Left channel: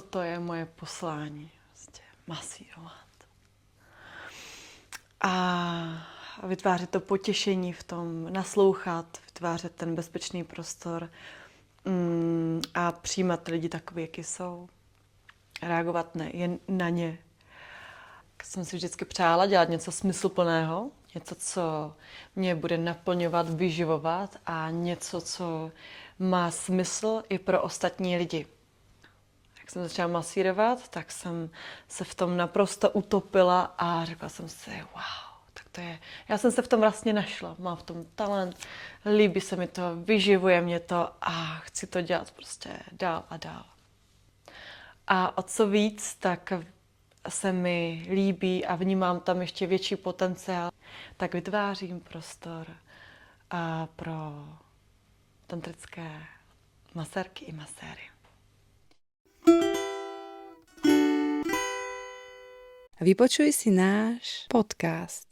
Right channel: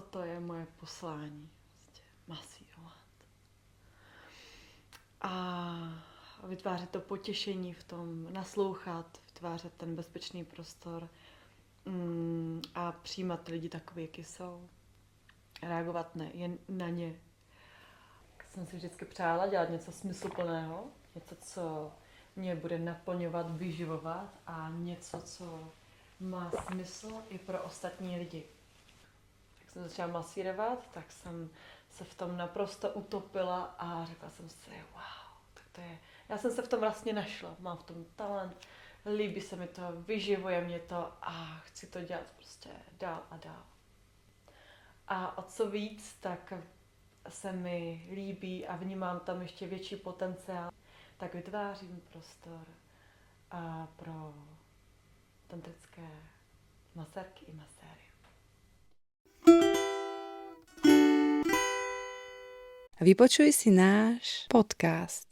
toto je moje poslání, prostě masírovat. A vytvářet to potěšení v tom, naslouchat, vytvářet ten bezpečný prostor a přijímat lidi takový, jaký jsou. Reagovat jen na ně. Jsem si vždycky přála dělat něco smysluplného, něco, co mě bude naplňovat, vyživovat a něco, co má smysl i pro ostatní lidi. Jak jsem začala masírovat, tak jsem se v tom naprosto utopila a řekla jsem si, wow, tak to je. Já jsem se v tom vlastně našla, mám v tom talent, líbí se mi to, vyživuje mě to a chci to dělat prostě dál a dál. A o co víc, tak se mi líbí a vnímám tam ještě větší potenciál, tak vytvářím prostor pro tantrické masérky i maséry. Vypočuj si náš podcast.